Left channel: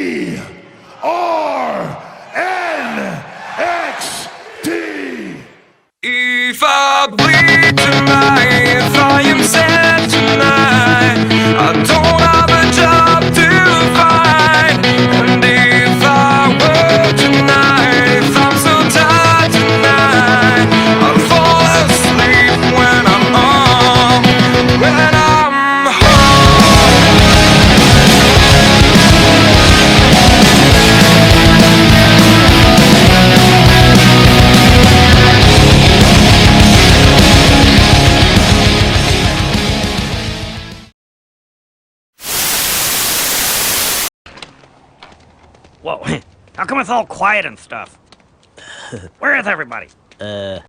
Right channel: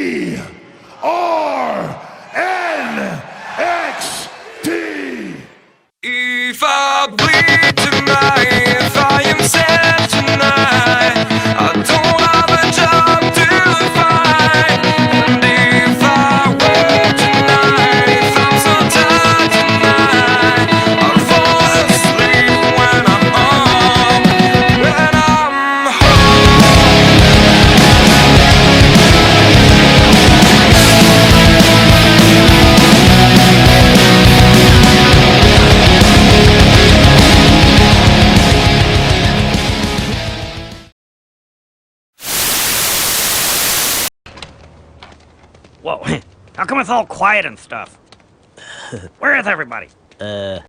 We are NXT. If I bleed tonight, if I am sad tonight, I don't have a job to find. And if I work tonight, if I'm so tired tonight, I'll fall asleep when I'm home, when I'm home. Whoa, how come it's all quiet and stuff? Where is everybody? No,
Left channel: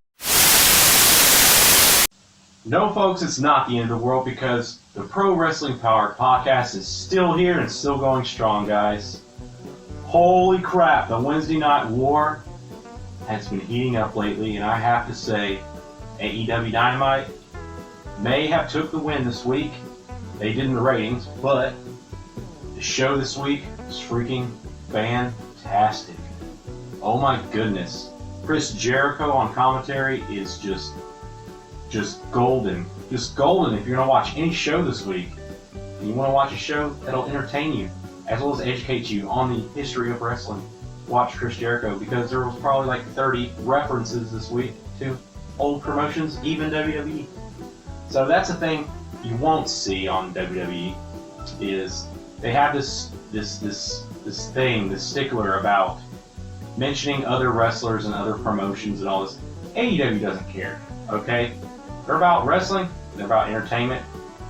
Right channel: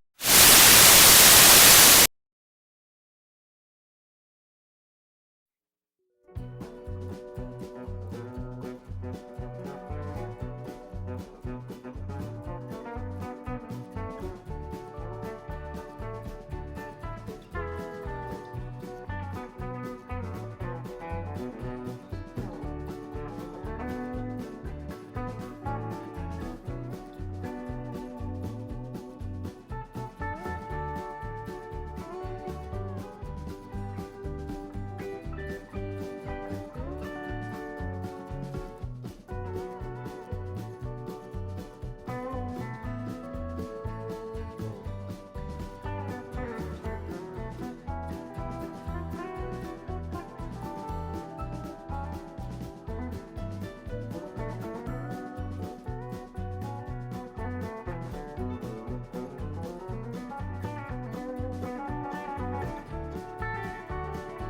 folks, it's not the end of the world because the Pro Wrestling Power podcast is still here and still going strong, guys. Holy crap, the Wednesday Night War has been heating up lately, and I have to say, AEW Dynamite may have took the win this week. They did in the ratings, but the show this week is freaking fantastic. Oh my goodness. Chris Jericho on commentary is just golden. Just golden if you're going to watch any show this week. And you want to watch a show that'll entertain you as well as educate you on the history of wrestling. Watch Chris Jericho because there was probably like 30 references this week to old promotions, even WWE. So that's the thing you won't see on WWE is they have this thing, this stickler about mentioning other wrestlers and other promotions and all this. AEW doesn't care, okay? They're about wrestling, they're about entertainment,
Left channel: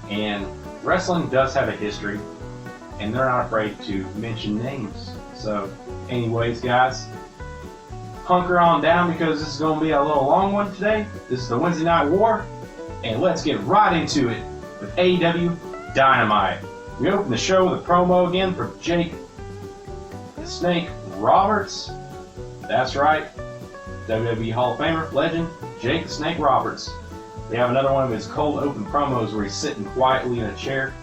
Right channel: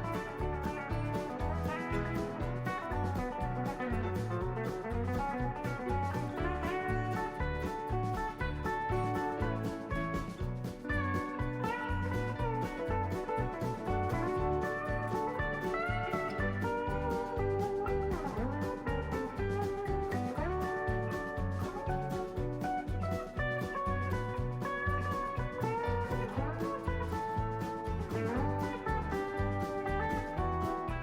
and wrestling does have a history, and they're not afraid to mention names. So, anyways, guys, hunker on down because this is going to be a little long one today. This is the Wednesday Night War, and let's get right into it with AEW Dynamite. We open the show with a promo again for Jake the Snake Roberts. That's right, WWE Hall of Famer, legend, Jake the Snake Roberts. We have another one of his cold open promos where he's sitting quietly in a chair,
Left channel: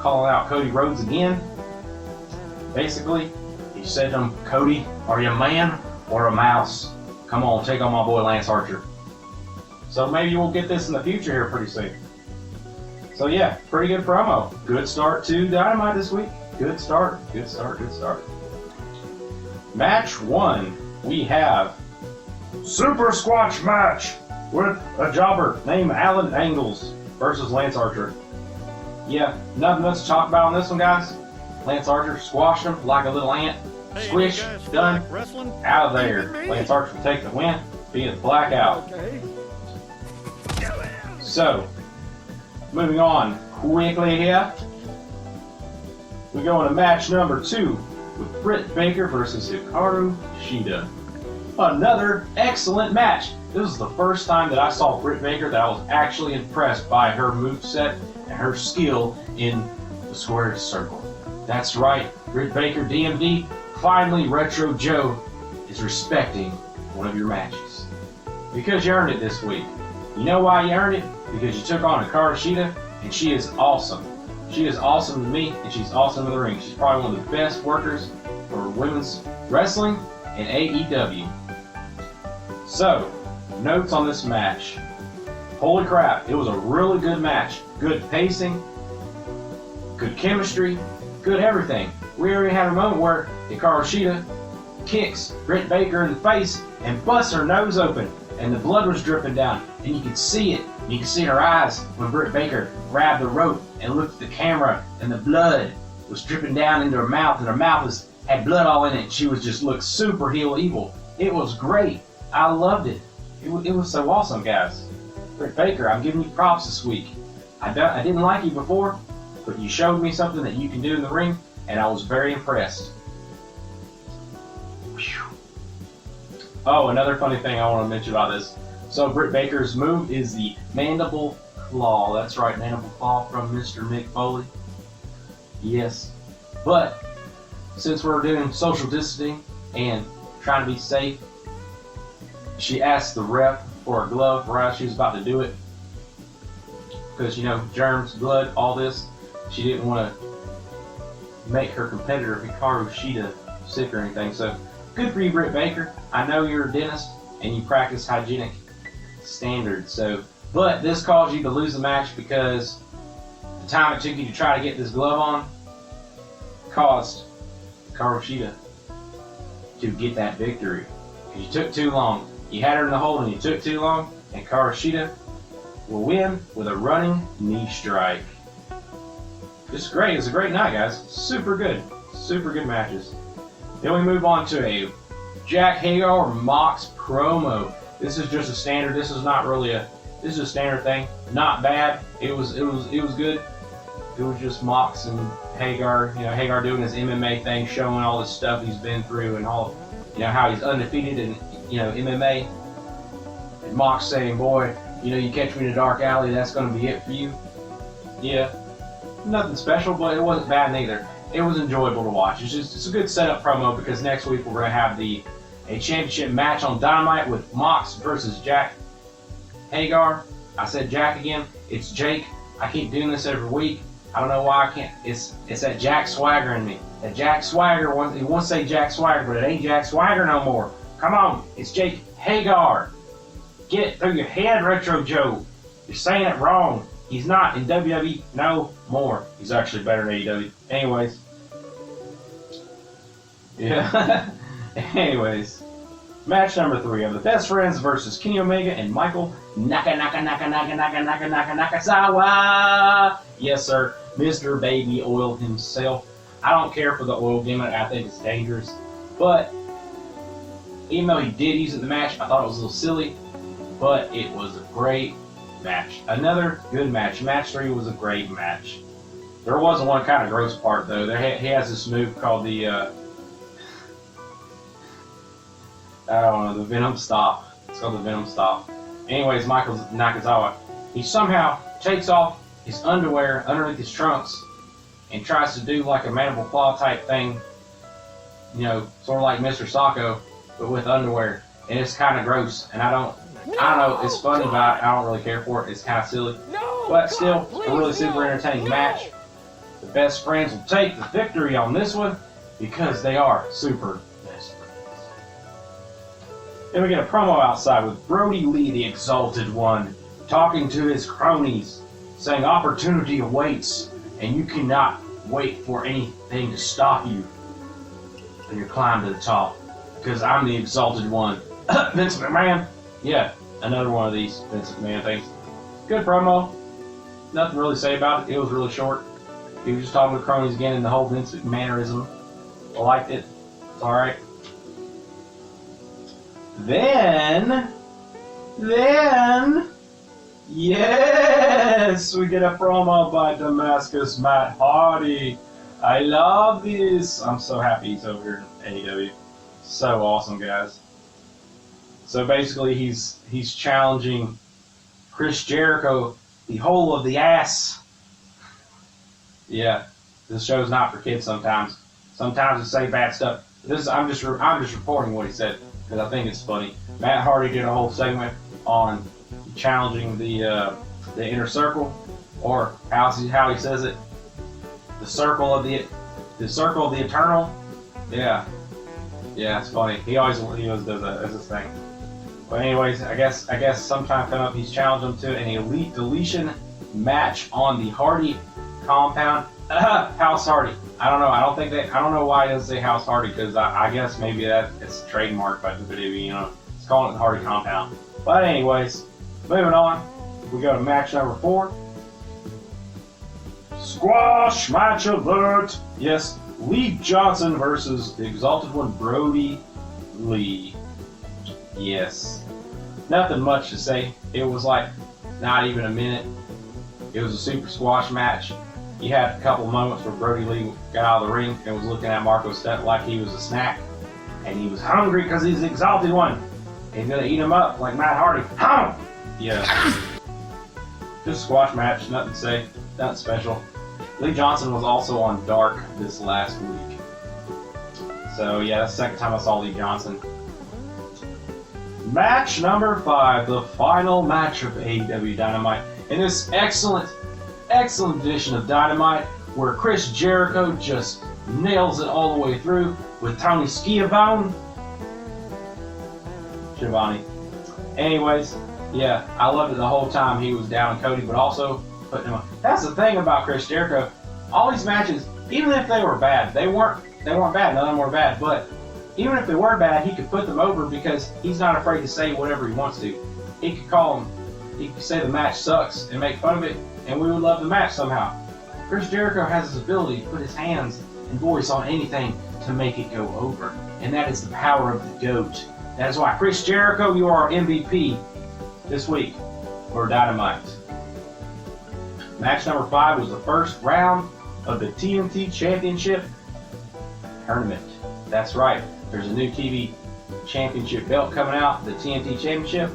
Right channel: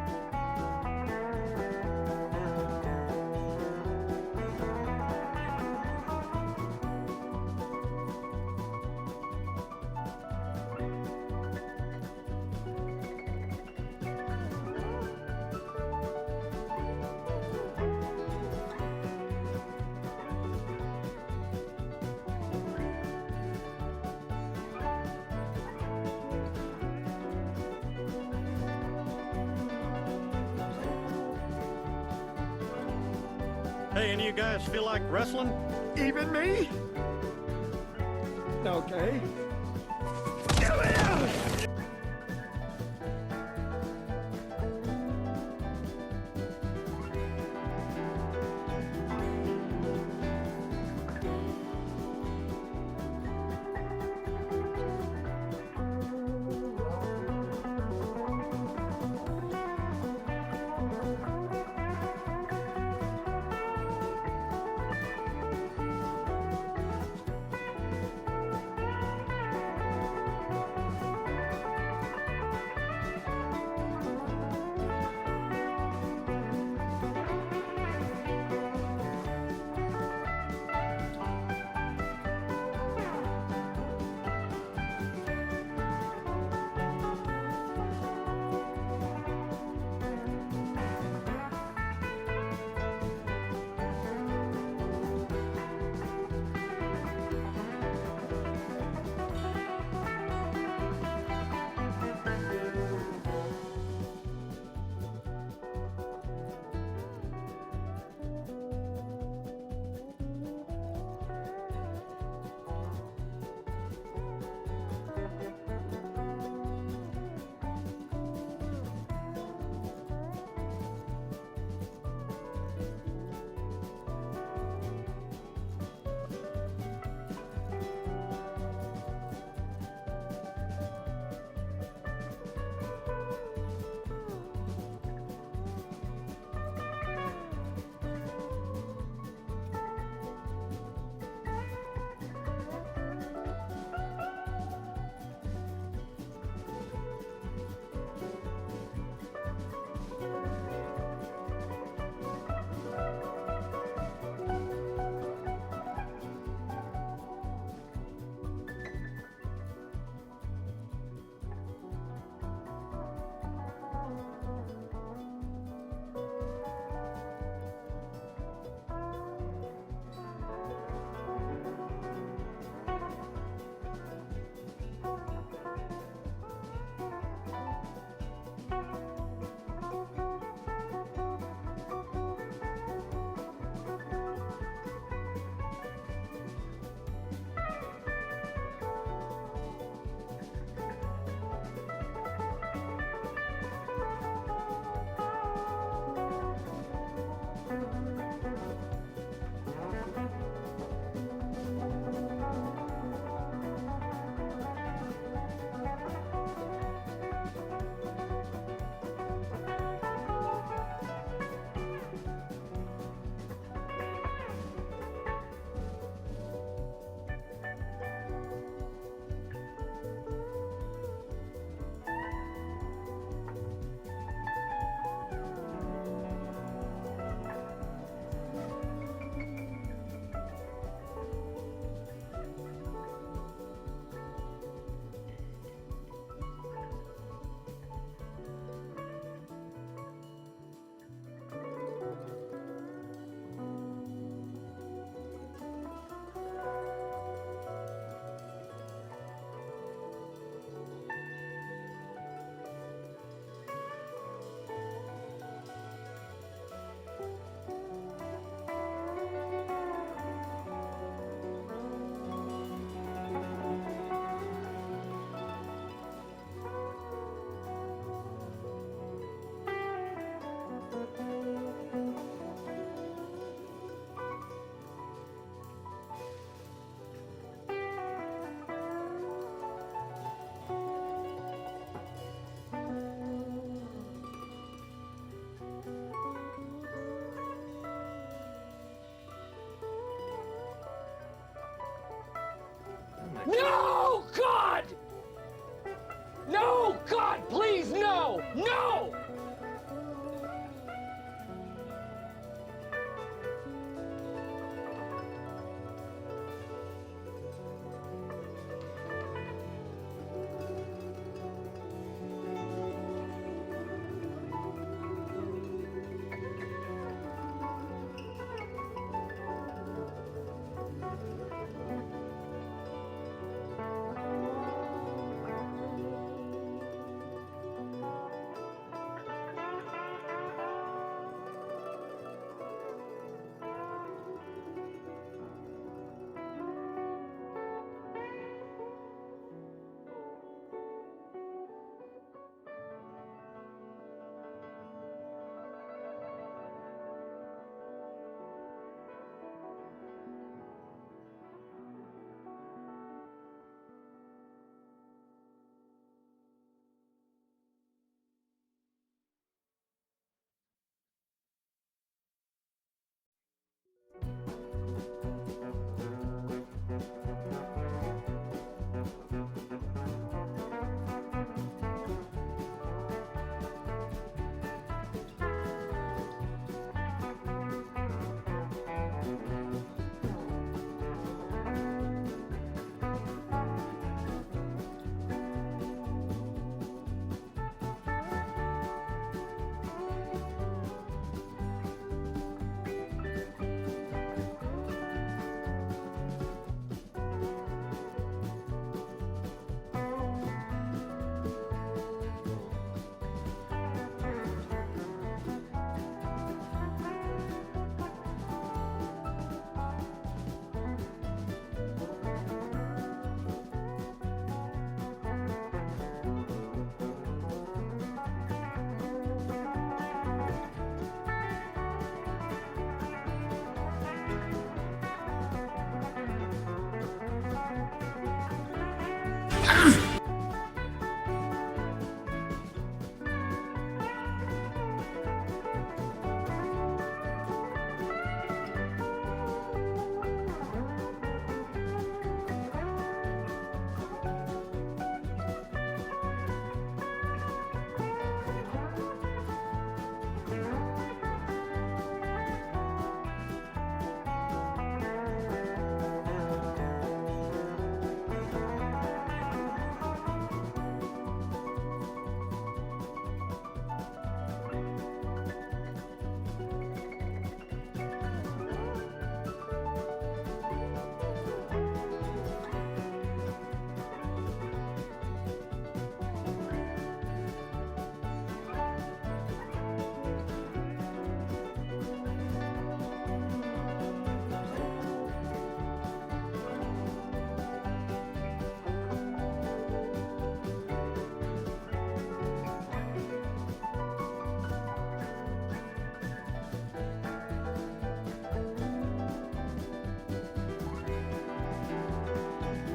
calling out Cody Rhodes again. Basically, he said to him, Cody, are you a man or a mouse? Come on, take on my boy Lance Archer. So maybe we'll get this in the future here pretty soon. So yeah, pretty good promo. Good start to Dynamite this week. Good start. Match 1, we have Super Squash match with a jobber named Alan Angles versus Lance Archer. Yeah, nothing much to talk about on this one, guys. Lance Archer squashed him like a little ant. Hey, Swish, you guys feel done, like wrestling? out of there. Even me? Lance Archer will take the win, being blackout. Okay. So, moving on quickly here, we go into match number 2 with Britt Baker versus Hikaru Shida. Another excellent match. This was the first time that I saw Britt Baker that I was actually impressed by her moveset and her skill in the square circle. That's right, Britt Baker DMD, finally Retro Joe is respecting one of your matches. Because you earned it this week. You know why you earned it? Because you took on Hikaru Shida, and she is awesome. She is awesome to me, and she's awesome in the ring. She's probably one of the best workers for women's wrestling and AEW. So, notes on this match. Holy crap, it was a really good match. Good pacing, good chemistry, good everything. We already had a moment where Hikaru Shida kicks Britt Baker in the face and busts her nose open, and the blood was dripping down, and you could see it. You could see in her eyes when Britt Baker grabbed the rope and looked at the camera, and the blood was dripping down into her mouth, and her mouth had blood all in it, and she was just looked super heel evil. It was great. I loved it. It was so awesome, guys. Britt Baker, I'm giving you props this week. I didn't like you before, but you showed me something that you can do in the ring, and I was very impressed. Whew. Oh, another funny thing I want to mention about this. So Britt Baker's move is the mandible claw. That's right, mandible claw from Mr. Mick Foley. Yes. But since we're doing social distancing and trying to be safe, she asked the ref for a glove right as she was about to do it. Because, you know, germs, blood, all this. She didn't want to make her competitor Hikaru Shida sick or anything. So good for you, Britt Baker. I know you're a dentist and you practice hygienic standards. So, but this caused you to lose the match because the time it took you to try to get this glove on caused Hikaru Shida to get that victory. You took too long. You had her in the hole and you took too long, and Hikaru Shida will win with a running knee strike. Just great. It's a great night, guys. Super good. Super good matches. Then we move on to a Jack Hagar Mox promo. This is just a standard. This is not really a. This is a standard thing. Not bad. It was good. It was just Mox and Hagar. You know, Hagar doing his MMA thing, showing all the stuff he's been through and all. You know how he's undefeated in MMA. And Mox saying, "Boy, you catch me in a dark alley. That's going to be it for you." Yeah. Nothing special, but it wasn't bad neither. It was enjoyable to watch. It's a good setup promo because next week we're going to have a championship match on Dynamite with Mox versus Jack Hagar. I said Jack again. It's Jake. I keep doing this every week. I don't know why I can't. It's that Jack Swagger in me. That Jack Swagger. He wants to say Jack Swagger, but it ain't Jack Swagger no more. Come on. It's Jake Hagar. Get it through your head, Retro Joe. You're saying it wrong. He's not in WWE no more. He's actually better than AEW. Anyways. Yeah. Anyways. Match number 3 of the Best Friends versus Kenny Omega and Michael Nakazawa. Yes, sir. Mr. Baby Oil himself. I don't care for the oil gimmick. I think it's dangerous. But even though he did use it in the match, I thought it was a little silly. But it was a great match. Another good match. Match 3 was a great match. There was one kind of gross part though. He has this move called the I don't know, the Venom Stop. It's called the Venom Stop. Anyways, Michael Nakazawa, he somehow takes off his underwear underneath his trunks and tries to do like a mandible claw type thing. Sort of like Mr. Sacco, but with underwear. And it's kind of gross, and I don't know, it's funny, but I don't really care for it. It's kind of silly. But still, a really super entertaining match. The Best Friends will take the victory on this one because they are super best friends. Then we get a promo outside with Brody Lee, the Exalted One, talking to his cronies, saying opportunity awaits, and you cannot wait for anything to stop you from your climb to the top, because I'm the Exalted One. Vince McMahon. Yeah, another one of these Vince McMahon things. Good promo. Nothing really to say about it. It was really short. He was just talking with cronies again and the whole Vince McMahonism. I liked it. It's alright. Then, yes, we get a promo by Damascus Matt Hardy. I love this. I'm so happy he's over here in AEW. So awesome, guys. So basically, he's challenging Chris Jericho, the whole of the ass. Yeah, this show's not for kids. Sometimes they say bad stuff. I'm just reporting what he said because I think it's funny. Matt Hardy did a whole segment on challenging the inner circle, or how he says it, the circle of the eternal. Yeah, it's funny. He always does that as his thing. But anyways, I guess sometime coming up, he's challenged him to an elite deletion match on the Hardy compound. House Hardy. I don't know. I don't know why it doesn't say House Hardy, because I guess maybe it's trademarked by WWE. It's calling it the Hardy compound. But anyways, moving on, we go to match number 4. Squash match alert. Yes, Lee Johnson versus the Exalted One, Brody Lee. Yes. Nothing much to say. It was like not even a minute. It was a super squash match. You had a couple moments where Brody Lee got out of the ring and was looking at Marco Stunt like he was a snack. And he was hungry because he's the Exalted One. He's going to eat him up like Matt Hardy. Yeah. Just a squash match. Nothing to say. Nothing special. Lee Johnson was also on Dark this last week. So yeah, that's the second time I saw Lee Johnson. Match number 5, the final match of AEW Dynamite. In this excellent edition of Dynamite, where Chris Jericho just nails it all the way through with Tony Schiavone. Anyways, yeah, I loved it the whole time he was down Cody, but also putting him up. That's the thing about Chris Jericho. All these matches, even if they were bad, they weren't bad. None of them were bad, but even if they were bad, he could put them over because he's not afraid to say whatever he wants to. He could call them, he could say the match sucks and make fun of it, and we would love the match somehow. Chris Jericho has his ability to put his hands and voice on anything to make it go over, and that is the power of the GOAT. That is why, Chris Jericho, you are our MVP this week for Dynamite. Match number 5 was the first round of the TNT Championship Tournament. That's right, there's a new TV Championship belt coming out, the TNT Championship,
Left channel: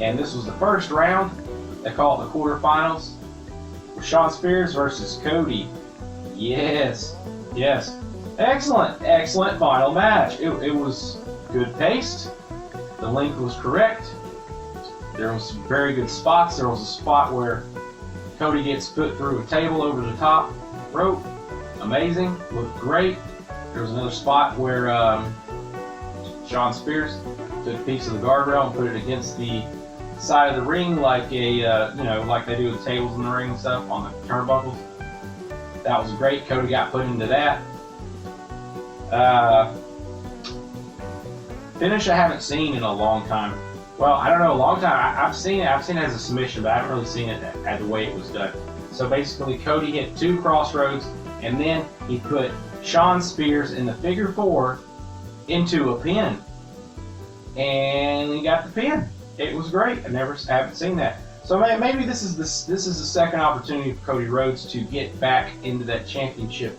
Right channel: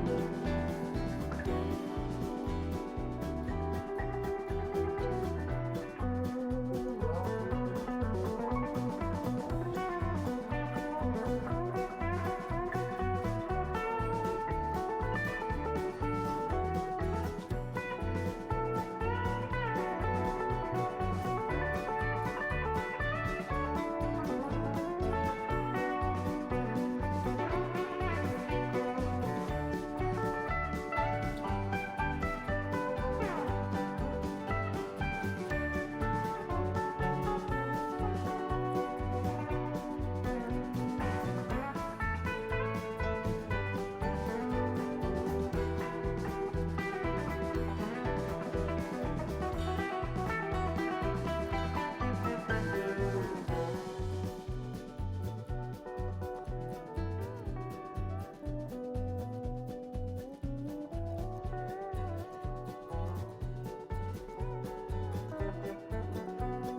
and this was the first round. They call it the quarterfinals. Shawn Spears versus Cody. Yes. Excellent final match. It was good paced. The length was correct. There was some very good spots. There was a spot where Cody gets put through a table over the top rope. Amazing. Looked great. There was another spot where Shawn Spears took a piece of the guardrail and put it against the side of the ring like like they do with tables in the ring and stuff on the turnbuckles. That was great. Cody got put into that. Finish I haven't seen in a long time. Well, I don't know, a long time. I've seen it as a submission, but I haven't really seen it as the way it was done. So basically, Cody hit 2 crossroads, and then he put Shawn Spears in the figure 4 into a pin, and he got the pin. It was great. I haven't seen that. So maybe this is the second opportunity for Cody Rhodes to get back into that championship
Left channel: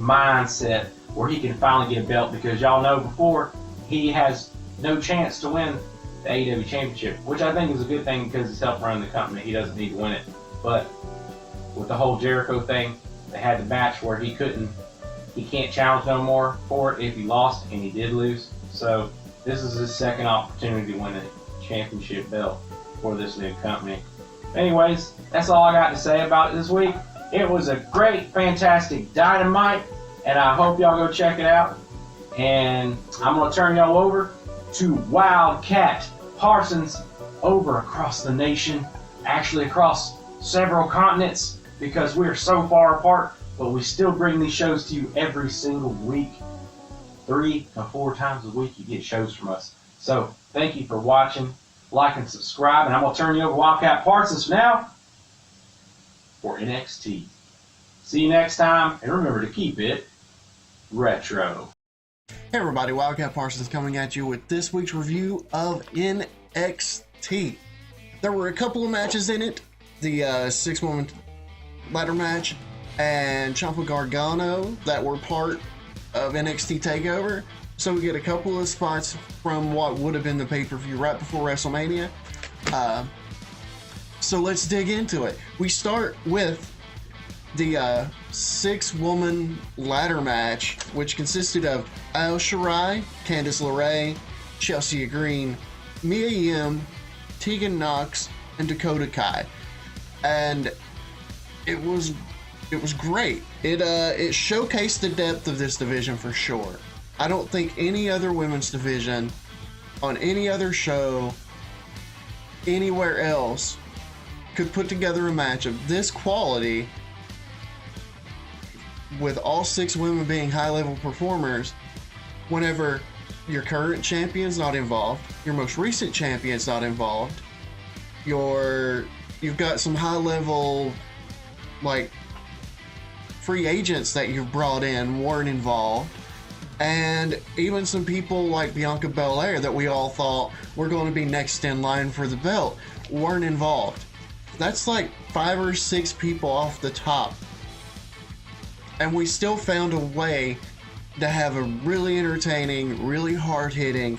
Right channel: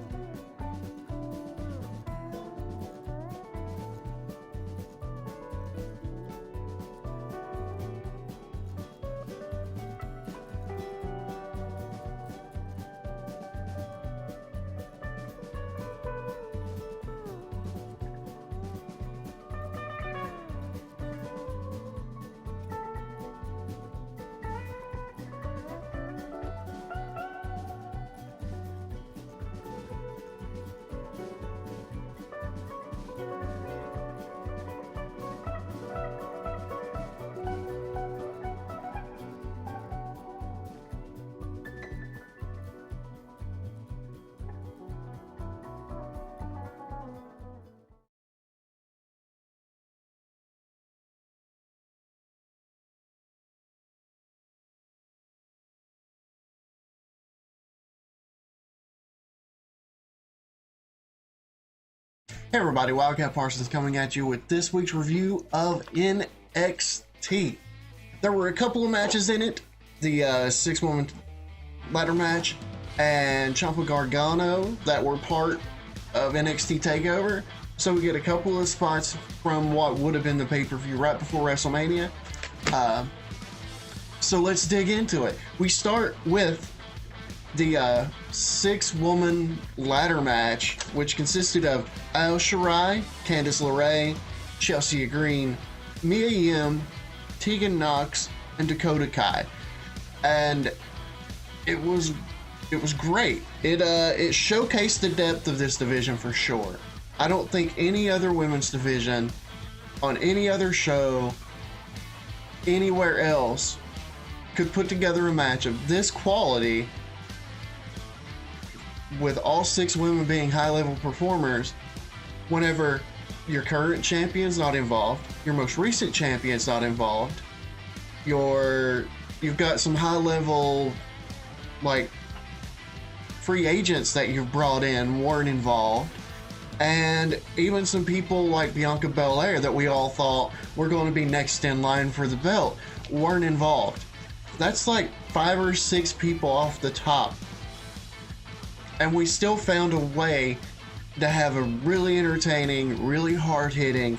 mindset where he can finally get a belt, because y'all know before he has no chance to win the AEW Championship, which I think is a good thing because it's helped run the company. He doesn't need to win it. But with the whole Jericho thing, they had the match where he can't challenge no more for it if he lost, and he did lose. So this is his second opportunity to win a championship belt for this new company. Anyways, that's all I got to say about it this week. It was a great, fantastic Dynamite, and I hope y'all go check it out. And I'm going to turn y'all over to Wildcat Parsons over across the nation, actually across several continents, because we're so far apart, but we still bring these shows to you every single week. 3 to 4 times a week you get shows from us. So thank you for watching, like and subscribe, and I'm going to turn you over to Wildcat Parsons now for NXT. See you next time, and remember to keep it retro. Hey everybody, Wildcat Parsons coming at you with this week's review of NXT. There were a couple of matches in it. The 6-woman ladder match and Ciampa Gargano that were part of NXT TakeOver. So we get a couple of spots from what would have been the pay-per-view right before WrestleMania. So let's dig into it. We start with the 6-woman ladder match, which consisted of Io Shirai, Candice LeRae, Chelsea Green, Mia Yim, Tegan Nox, and Dakota Kai. And it was great. It showcased the depth of this division for sure. I don't think any other women's division on any other show anywhere else could put together a match of this quality with all 6 women being high-level performers whenever your current champion's not involved, your most recent champion's not involved, you've got some high-level, like, free agents that you've brought in weren't involved, and even some people like Bianca Belair that we all thought were going to be next in line for the belt weren't involved. That's like 5 or 6 people off the top. And we still found a way to have a really entertaining, really hard-hitting,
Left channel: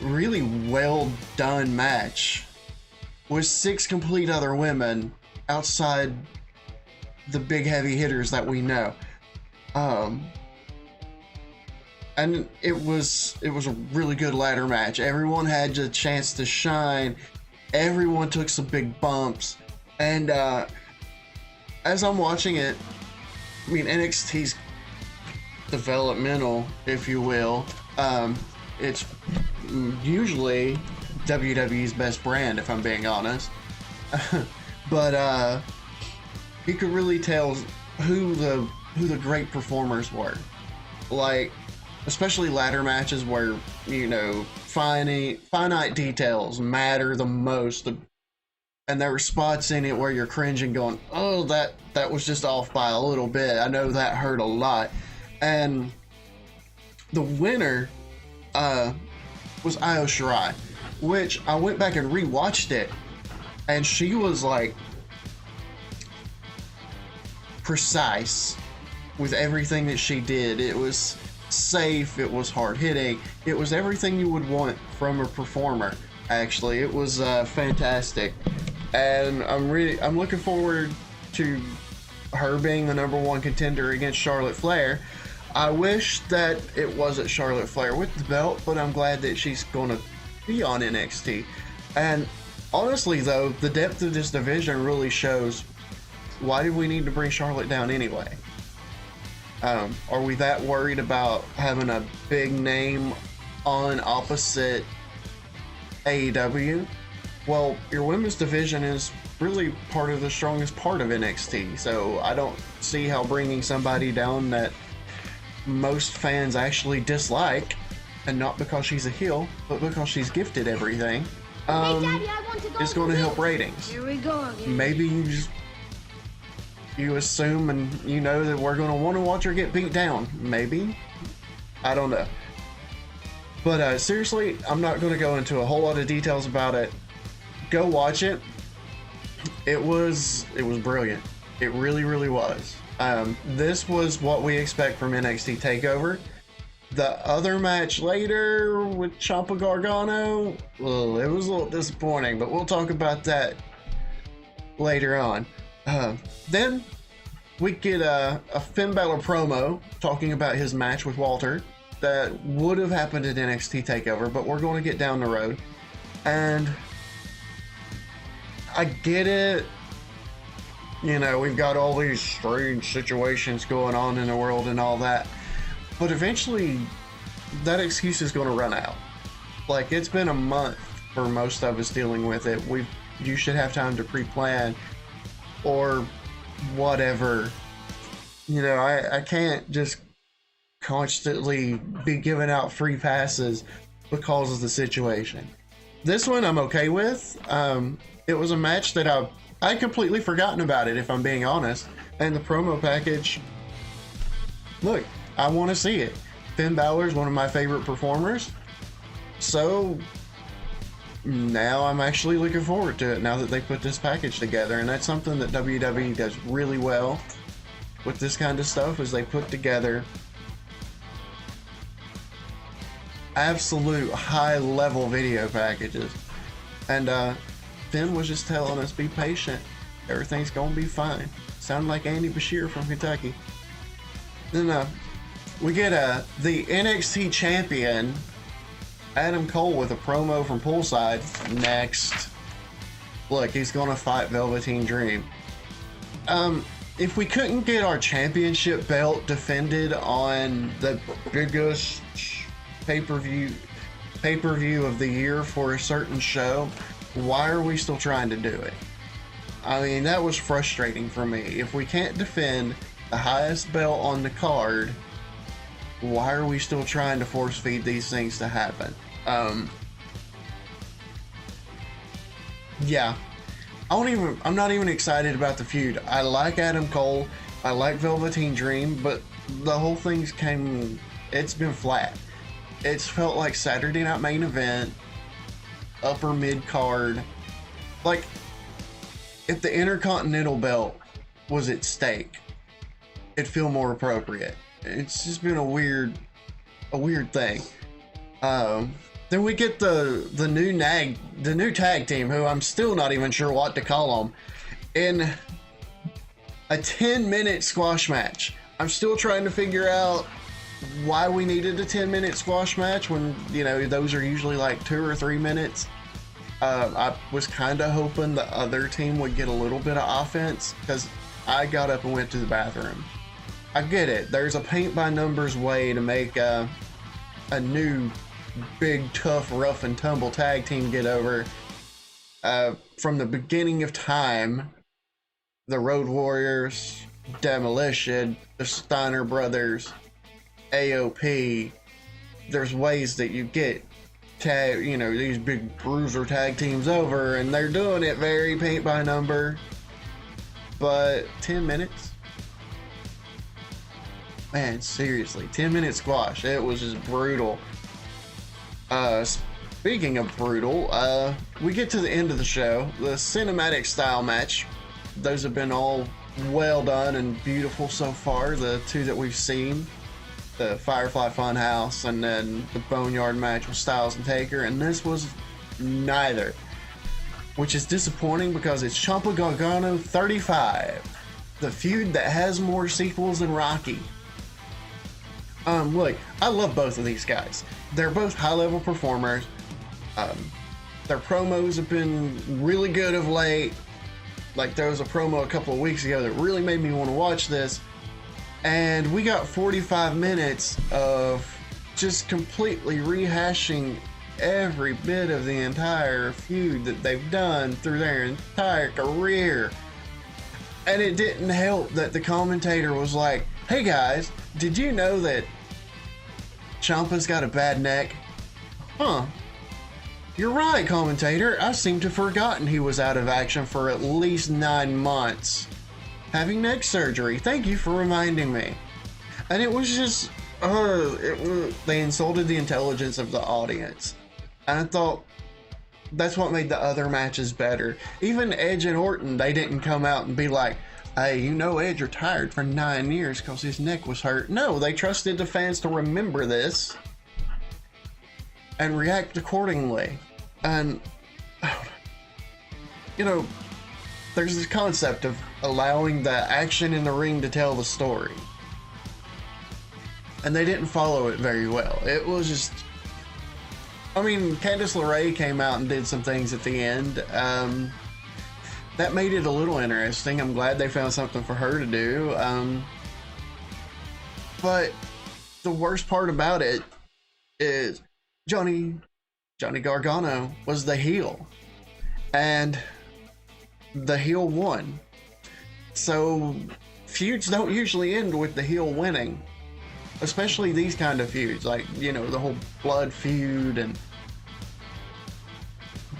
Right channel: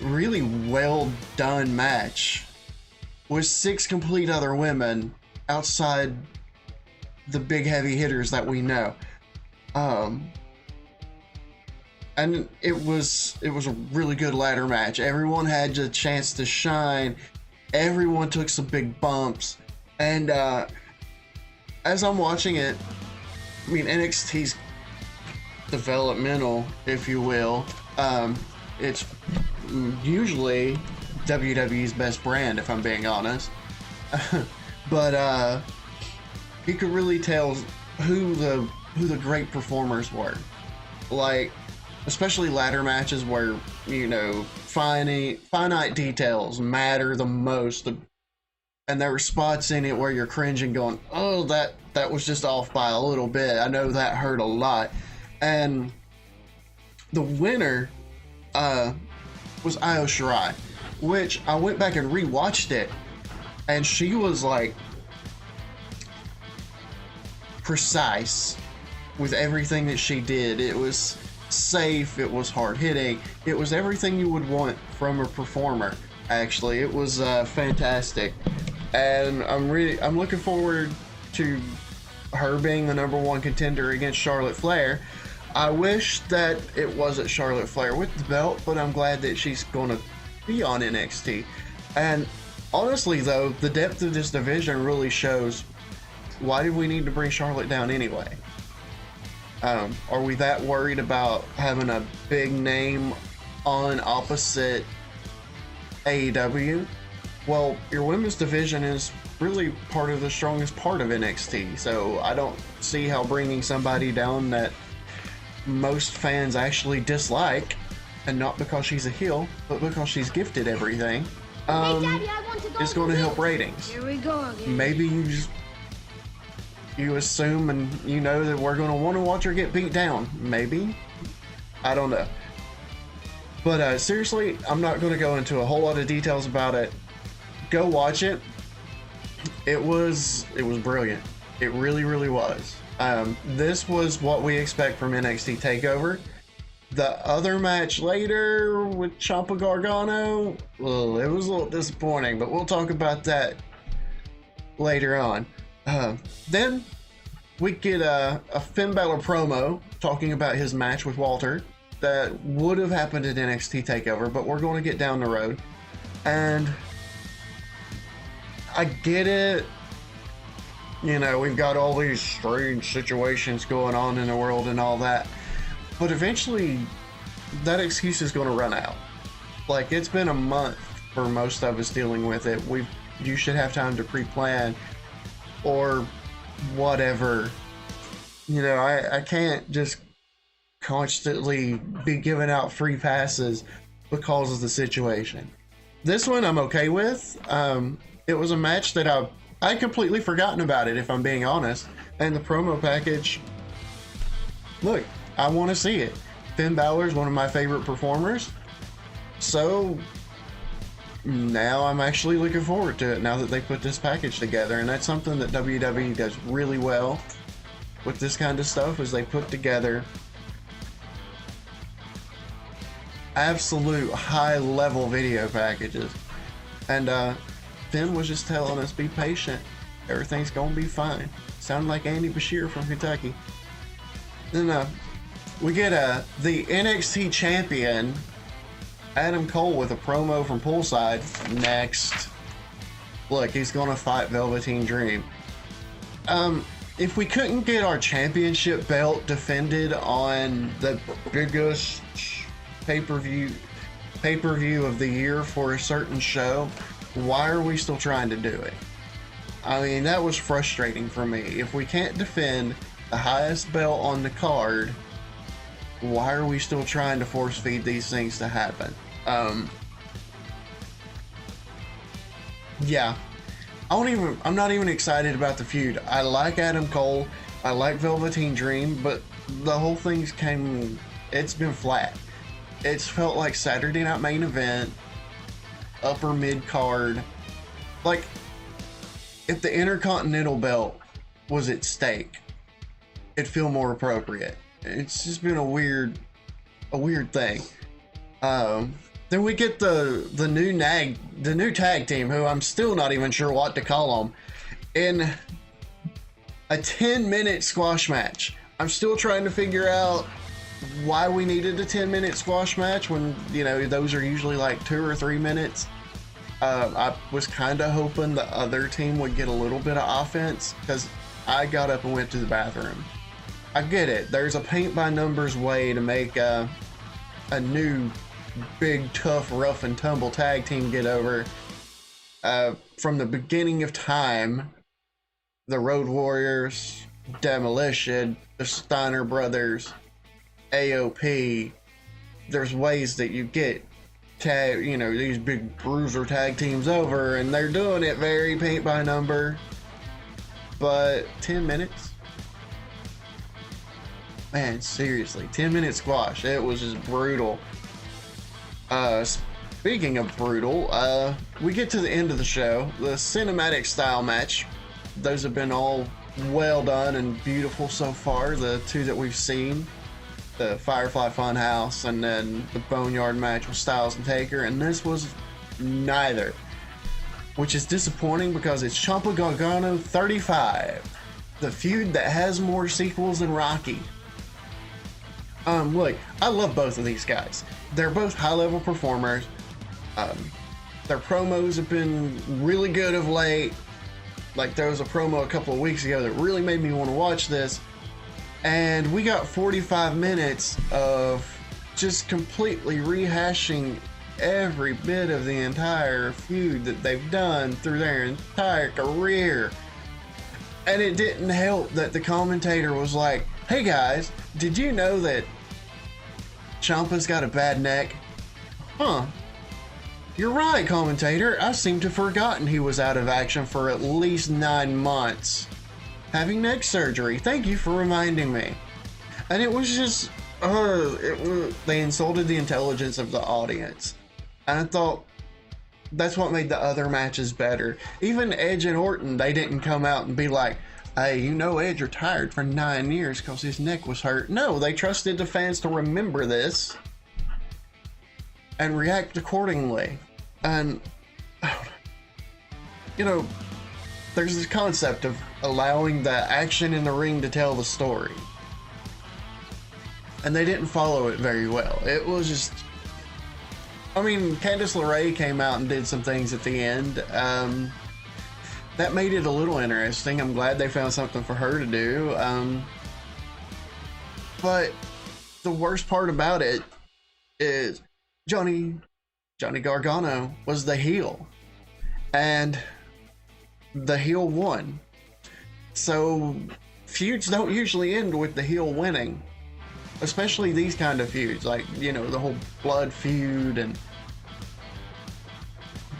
really well-done match with 6 complete other women outside the big heavy hitters that we know. And it was a really good ladder match. Everyone had a chance to shine. Everyone took some big bumps. And as I'm watching it, I mean, NXT's developmental, if you will. It's usually WWE's best brand, if I'm being honest. But you could really tell who the great performers were. Like, especially ladder matches where, you know, finite details matter the most. And there were spots in it where you're cringing going, oh, that was just off by a little bit. I know that hurt a lot. And the winner was Io Shirai, which I went back and rewatched it, and she was like precise with everything that she did. It was safe, it was hard hitting, it was everything you would want from a performer. Actually, it was fantastic, and I'm looking forward to her being the #1 contender against Charlotte Flair. I wish that it wasn't Charlotte Flair with the belt, but I'm glad that she's going to be on NXT. And honestly, though, the depth of this division really shows, why did we need to bring Charlotte down anyway? Are we that worried about having a big name on opposite AEW? Well, your women's division is really part of the strongest part of NXT, so I don't see how bringing somebody down that most fans actually dislike, and not because she's a heel, but because she's gifted everything, is going to help ratings. Here we go again. Maybe you assume and you know that we're going to want to watch her get beat down. Maybe. I don't know. But seriously, I'm not going to go into a whole lot of details about it. Go watch it. It was brilliant. It really, really was. This was what we expect from NXT TakeOver. The other match later with Ciampa Gargano, well, it was a little disappointing, but we'll talk about that later on. Then we get a Finn Balor promo talking about his match with Walter that would have happened at NXT TakeOver, but we're going to get down the road. And I get it. You know, we've got all these strange situations going on in the world and all that. But eventually, that excuse is going to run out. Like, it's been a month for most of us dealing with it. You should have time to pre-plan or whatever. You know, I can't just constantly be giving out free passes because of the situation. This one I'm okay with. It was a match that I'd completely forgotten about it, if I'm being honest. And the promo package, look, I want to see it. Finn Balor is one of my favorite performers. So now I'm actually looking forward to it now that they put this package together. And that's something that WWE does really well with this kind of stuff, is they put together absolute high-level video packages. And Finn was just telling us, be patient. Everything's gonna be fine. Sound like Andy Bashir from Kentucky. Then we get the NXT champion, Adam Cole, with a promo from Poolside next. Look, he's gonna fight Velveteen Dream. If we couldn't get our championship belt defended on the biggest pay-per-view of the year for a certain show, why are we still trying to do it? I mean, that was frustrating for me. If we can't defend the highest belt on the card, why are we still trying to force feed these things to happen? Yeah. I'm not even excited about the feud. I like Adam Cole. I like Velveteen Dream, but the whole thing's it's been flat. It's felt like Saturday Night Main Event, upper mid card. Like, if the Intercontinental belt was at stake, it'd feel more appropriate. It's just been a weird thing. Then we get the new tag team, who I'm still not even sure what to call them, in a 10-minute squash match. I'm still trying to figure out why we needed a 10-minute squash match when, you know, those are usually like 2 or 3 minutes. I was kind of hoping the other team would get a little bit of offense, because I got up and went to the bathroom. I get it. There's a paint by numbers way to make a new big, tough, rough and tumble tag team get over. From the beginning of time, the Road Warriors, Demolition, the Steiner Brothers, AOP, there's ways that you get these big bruiser tag teams over, and they're doing it very paint by number. But 10 minutes? Man, seriously, 10-minute squash. It was just brutal. Speaking of brutal, we get to the end of the show. The cinematic style match. Those have been all well done and beautiful so far. The two that we've seen. The Firefly Funhouse and then the Boneyard match with Styles and Taker. And this was neither. Which is disappointing because it's Ciampa Gargano 35. The feud that has more sequels than Rocky. Look, I love both of these guys. They're both high-level performers. Their promos have been really good of late. Like, there was a promo a couple of weeks ago that really made me want to watch this. And we got 45 minutes of just completely rehashing every bit of the entire feud that they've done through their entire career. And it didn't help that the commentator was like, "Hey guys, did you know that Ciampa's got a bad neck?" Huh. You're right, commentator. I seem to have forgotten he was out of action for at least 9 months. Having neck surgery. Thank you for reminding me. And it was just, they insulted the intelligence of the audience. And I thought, that's what made the other matches better. Even Edge and Orton, they didn't come out and be like, "Hey, Edge retired for 9 years because his neck was hurt." No, they trusted the fans to remember this and react accordingly. And, there's this concept of allowing the action in the ring to tell the story. And they didn't follow it very well. It was just... Candice LeRae came out and did some things at the end. That made it a little interesting. I'm glad they found something for her to do. But the worst part about it is Johnny Gargano was the heel. And the heel won. So feuds don't usually end with the heel winning. Especially these kind of feuds, like, the whole blood feud and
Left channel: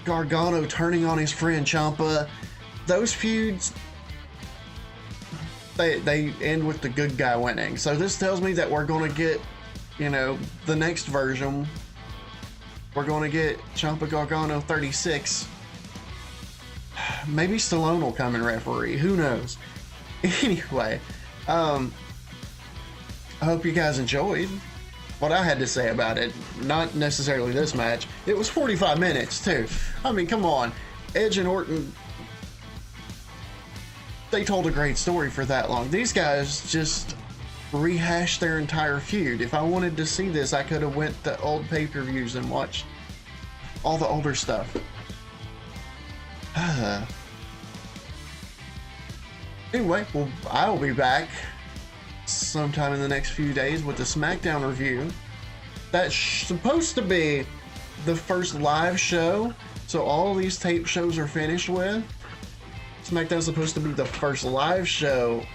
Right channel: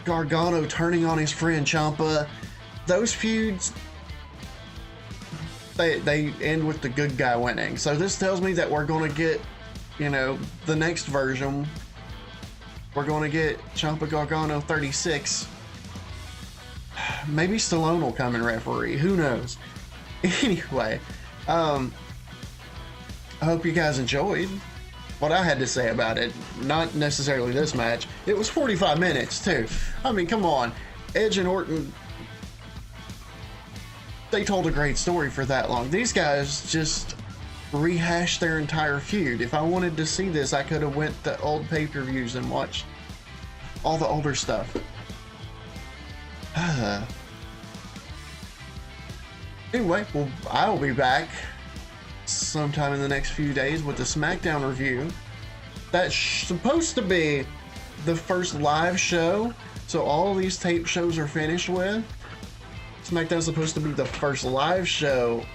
Gargano turning on his friend Ciampa. Those feuds, they end with the good guy winning. So this tells me that we're going to get, the next version. We're going to get Ciampa Gargano 36. Maybe Stallone will come and referee. Who knows? Anyway, I hope you guys enjoyed what I had to say about it. Not necessarily this match. It was 45 minutes, too. Come on. Edge and Orton, they told a great story for that long. These guys just rehashed their entire feud. If I wanted to see this, I could have went to old pay-per-views and watched all the older stuff. Anyway, well, I'll be back sometime in the next few days with the SmackDown review. That's supposed to be the first live show, so all these tape shows are finished with. SmackDown's supposed to be the first live show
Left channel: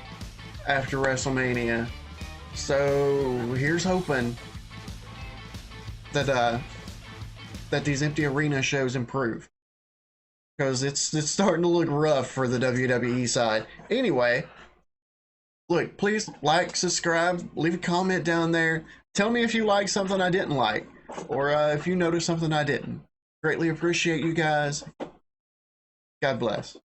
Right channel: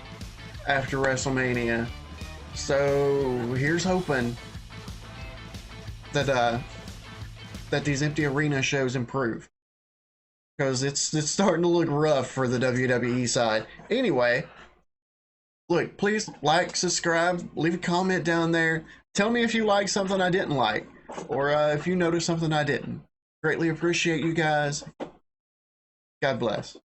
after WrestleMania. So here's hoping that these empty arena shows improve, because it's starting to look rough for the WWE side. Anyway, look, please like, subscribe, leave a comment down there. Tell me if you like something I didn't like, or if you noticed something I didn't. Greatly appreciate you guys. God bless.